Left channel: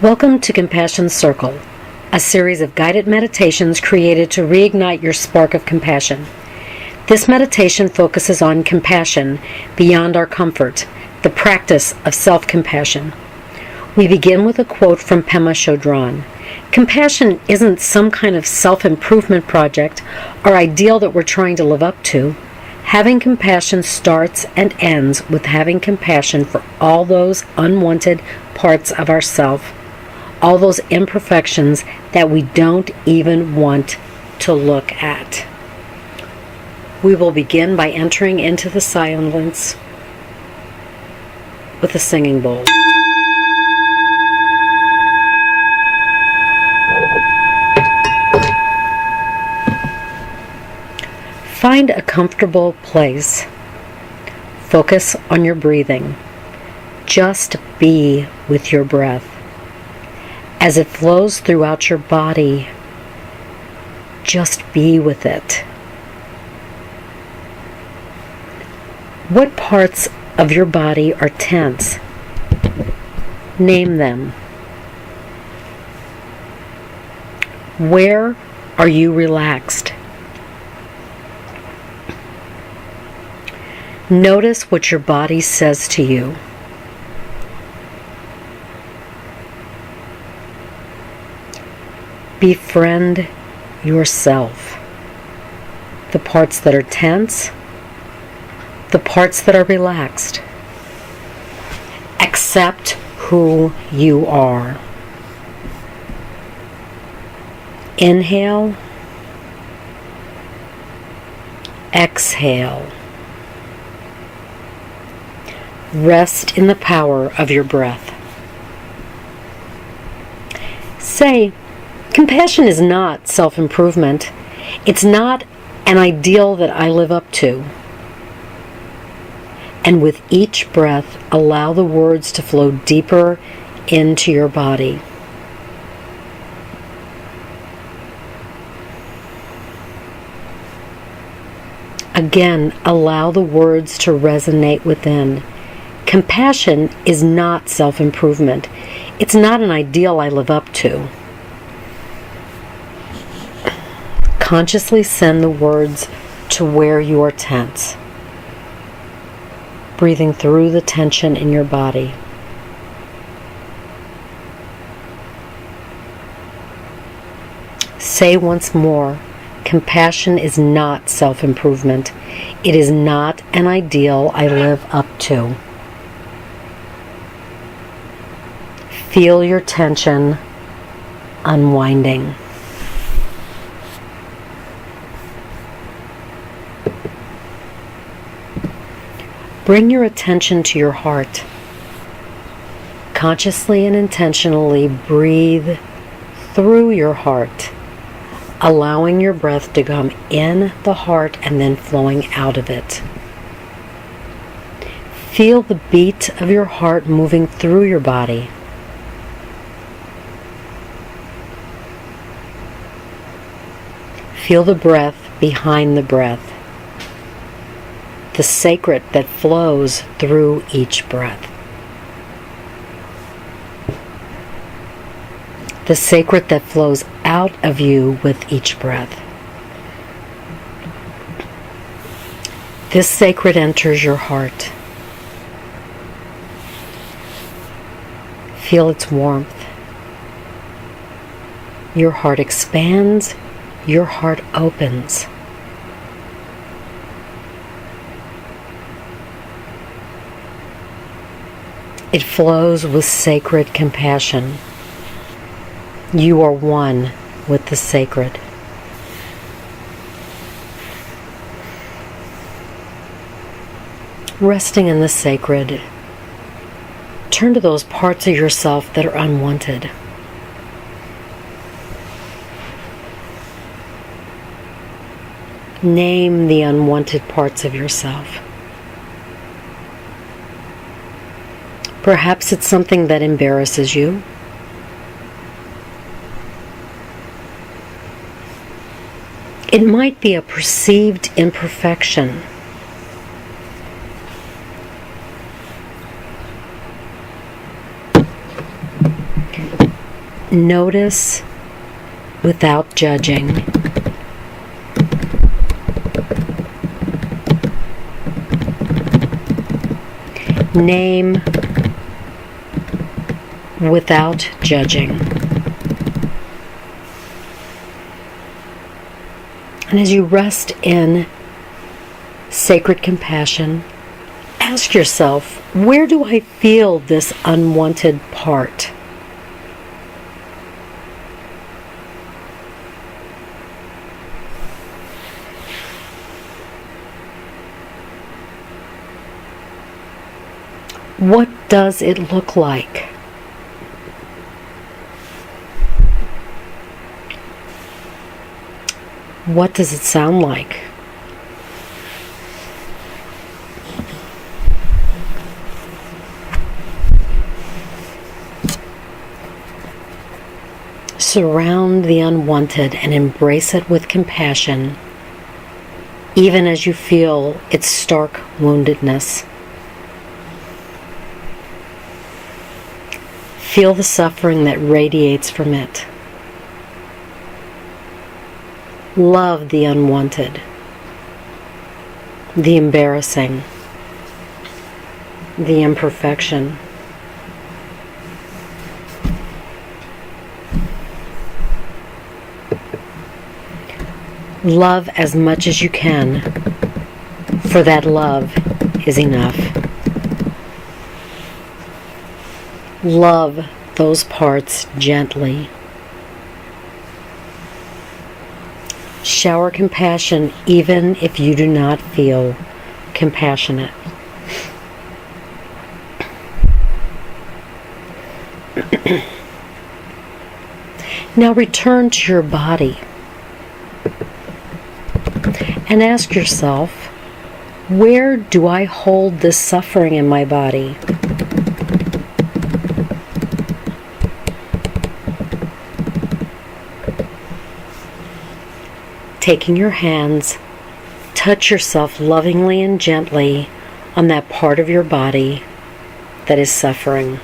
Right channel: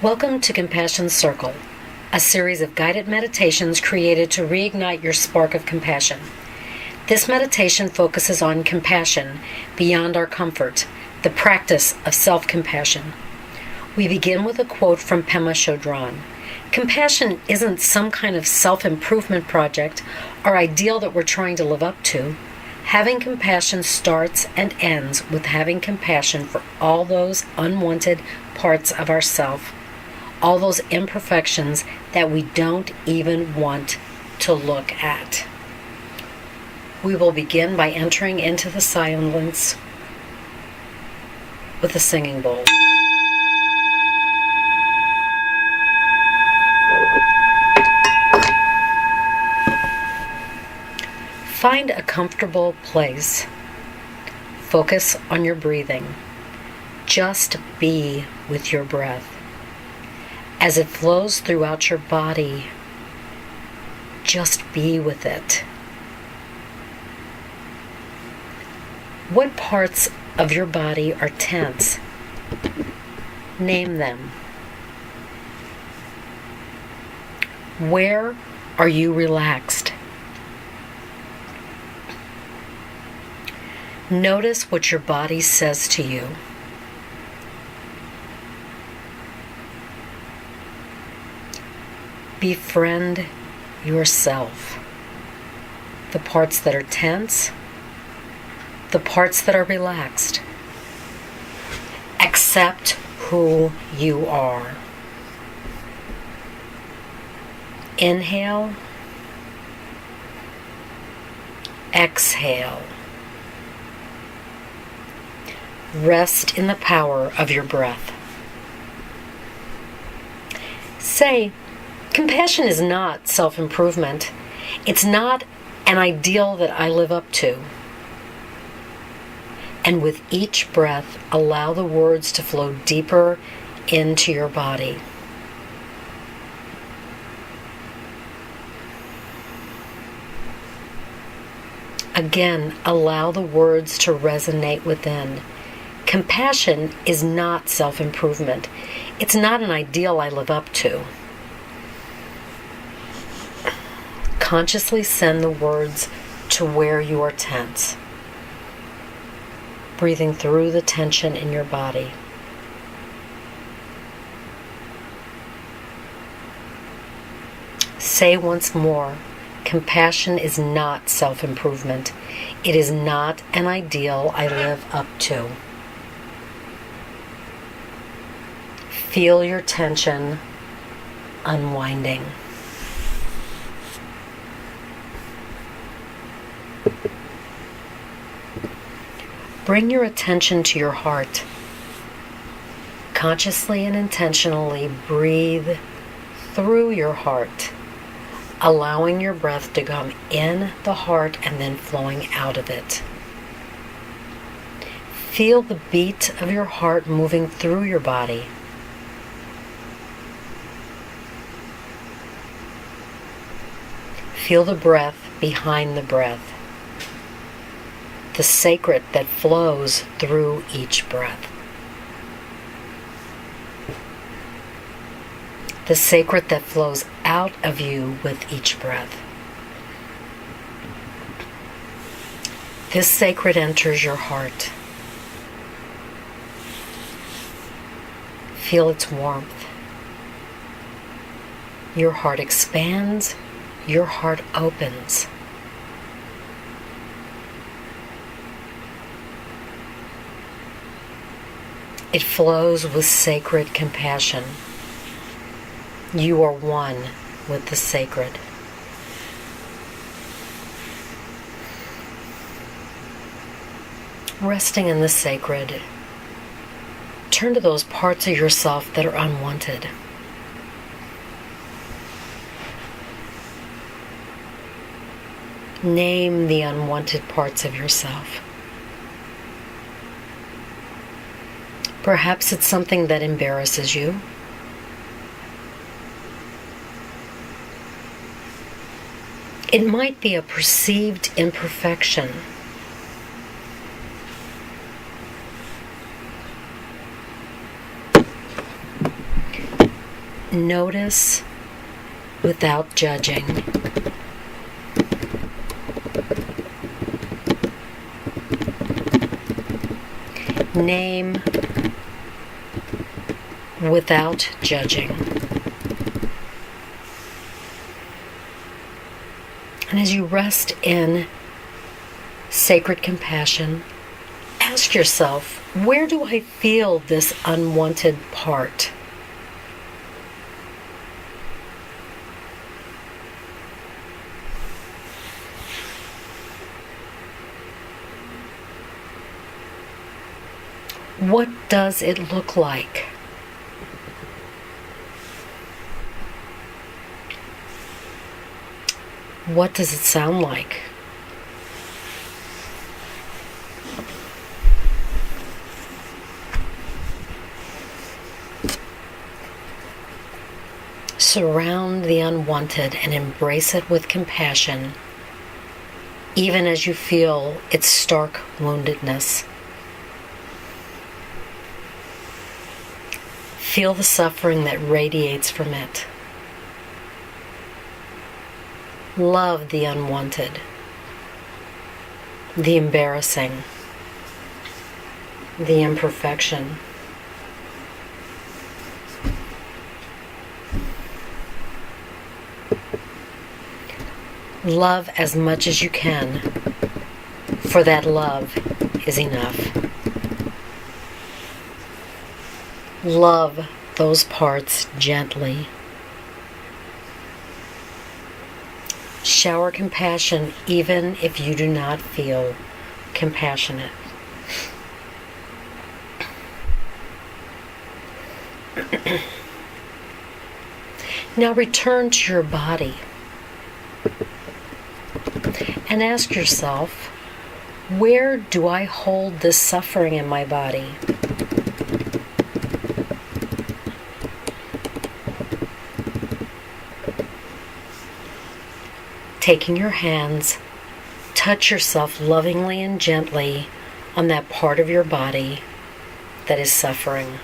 Welcome to Compassion Circle, a series of guided meditations created to reignite your spark of compassion. This meditation focuses on compassion beyond our comfort, the practice of self-compassion. We begin with a quote from Pema Chodron. Compassion isn't some kind of self-improvement project or ideal that we're trying to live up to. Having compassion starts and ends with having compassion for all those unwanted parts of ourself, all those imperfections that we don't even want to look at. We will begin by entering into the silence with a singing bowl. Find a comfortable place. Focus on your breathing. Just be with your breath. As it flows throughout your body, just be with it. What parts of your body are tense? Name them. Where are you relaxed? Notice what your body says to you. Befriend yourself. The parts that are tense, the parts that are relaxed. Accept who you are. Inhale. Exhale. Rest in the power of your breath. Say, compassion is not self-improvement. It's not an ideal that I live up to. And with each breath, allow the words to flow deeper into your body. Again, allow the words to resonate within. Compassion is not self-improvement. It's not an ideal I live up to. Consciously send the words to where you are tense, breathing through the tension in your body. Say once more, compassion is not self-improvement. It is not an ideal I live up to. Feel your tension unwinding. Bring your attention to your heart. Consciously and intentionally breathe through your heart, allowing your breath to come in the heart and then flowing out of it. Feel the beat of your heart moving through your body. Feel the breath behind the breath, the sacred that flows through each breath. The sacred that flows out of you with each breath. This sacred enters your heart. Feel its warmth. Your heart expands. Your heart opens. It flows with sacred compassion. You are one with the sacred. Resting in the sacred, turn to those parts of yourself that are unwanted. Name the unwanted parts of yourself. Perhaps it's something that embarrasses you. It might be a perceived imperfection. Notice without judging. Name without judging. And as you rest in sacred compassion, ask yourself, where do I feel this unwanted part? What does it look like? What does it sound like? Surround the unwanted and embrace it with compassion, even as you feel its stark woundedness. Feel the suffering that radiates from it. Love the unwanted, the embarrassing, the imperfection. Love as much as you can, for that love is enough. Love those parts gently. Shower compassion even if you do not feel compassionate. Now return to your body and ask yourself, where do I hold this suffering in my body? Taking your hands, touch yourself lovingly and gently on that part of your body that is suffering.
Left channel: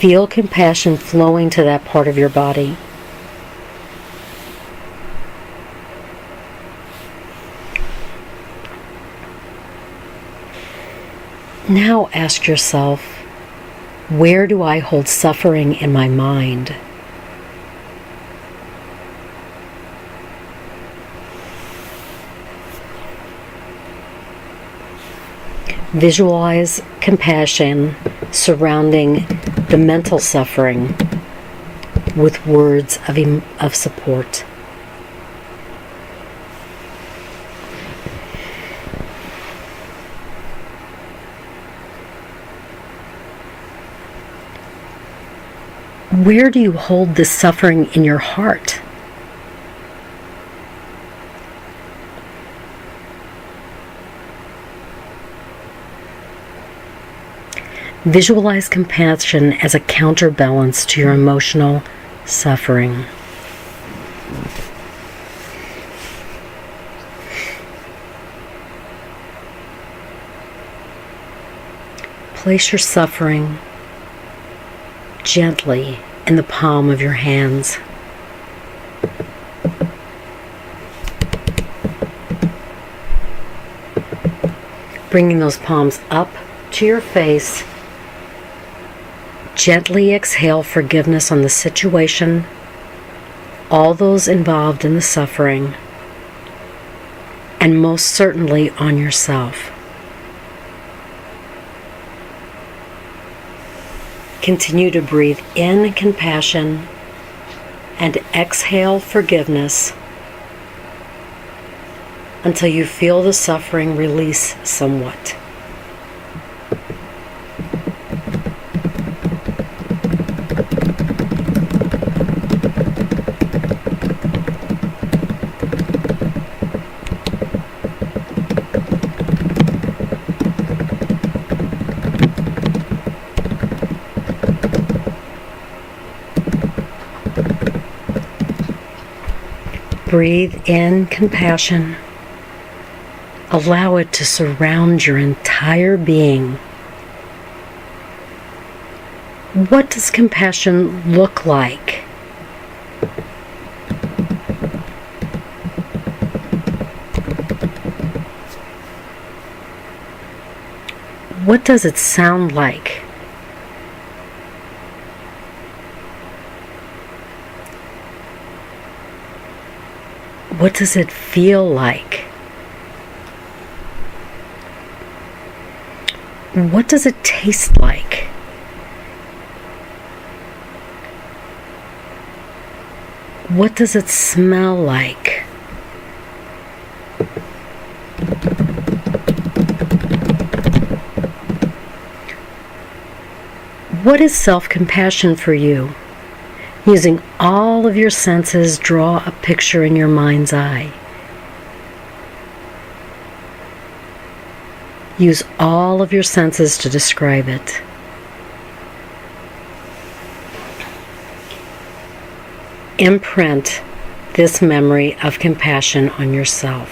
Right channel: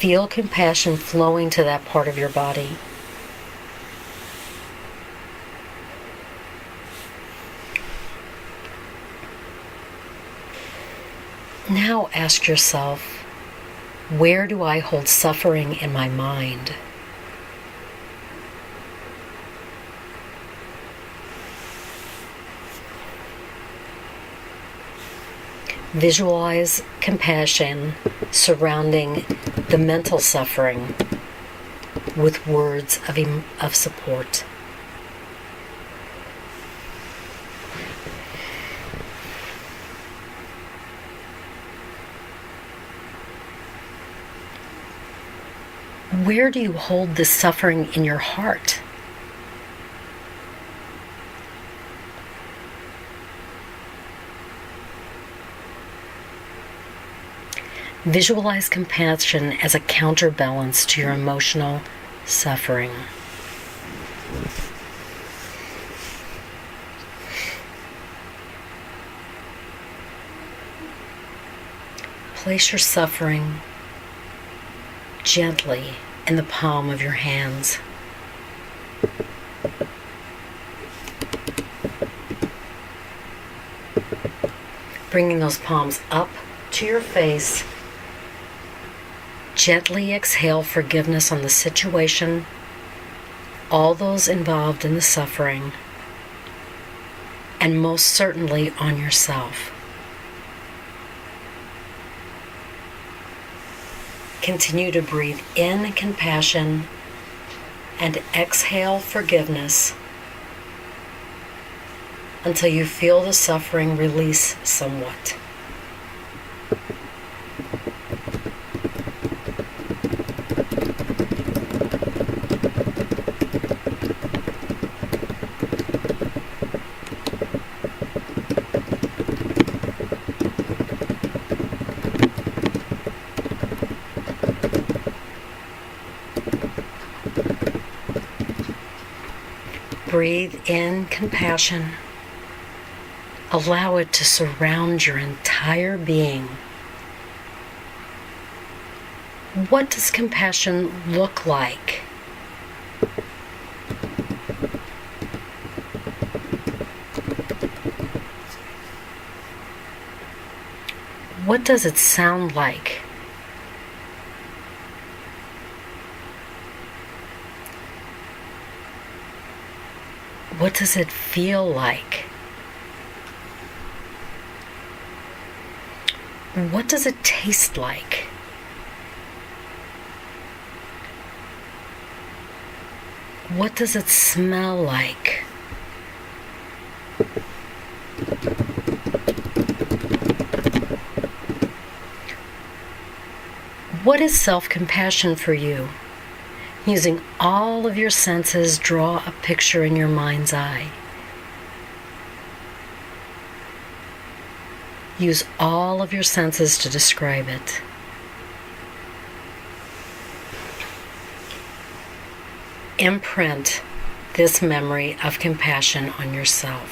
Feel compassion flowing to that part of your body. Now ask yourself, where do I hold suffering in my mind? Visualize compassion surrounding the mental suffering with words of support. Where do you hold this suffering in your heart? Visualize compassion as a counterbalance to your emotional suffering. Place your suffering gently in the palm of your hands. Bringing those palms up to your face, gently exhale forgiveness on the situation, all those involved in the suffering, and most certainly on yourself. Continue to breathe in compassion and exhale forgiveness until you feel the suffering release somewhat. Breathe in compassion. Allow it to surround your entire being. What does compassion look like? What does it sound like? What does it feel like? What does it taste like? What does it smell like? What is self-compassion for you? Using all of your senses, draw a picture in your mind's eye. Use all of your senses to describe it. Imprint this memory of compassion on yourself.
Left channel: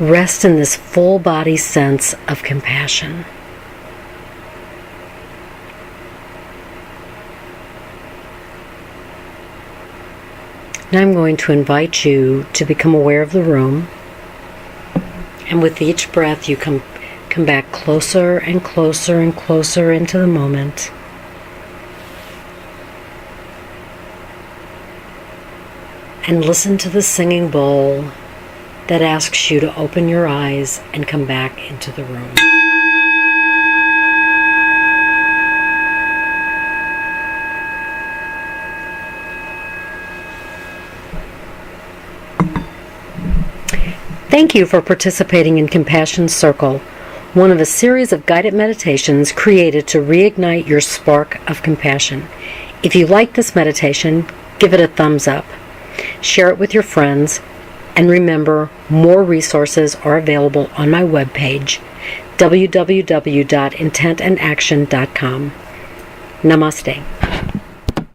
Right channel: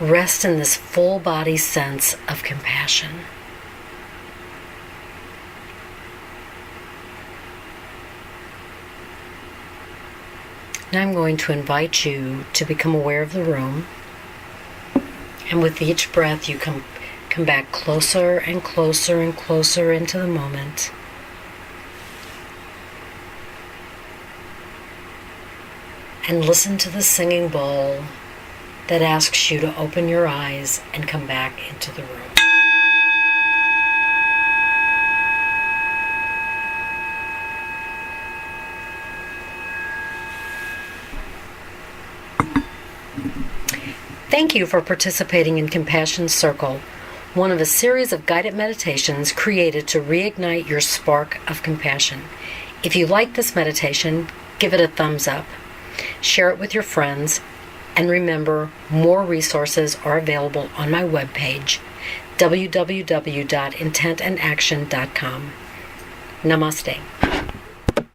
Rest in this full body sense of compassion. Now I'm going to invite you to become aware of the room, and with each breath you come back closer and closer and closer into the moment. And listen to the singing bowl that asks you to open your eyes and come back into the room. Thank you for participating in Compassion Circle, one of a series of guided meditations created to reignite your spark of compassion. If you like this meditation, give it a thumbs up. Share it with your friends, and remember, more resources are available on my webpage, www.intentandaction.com. Namaste.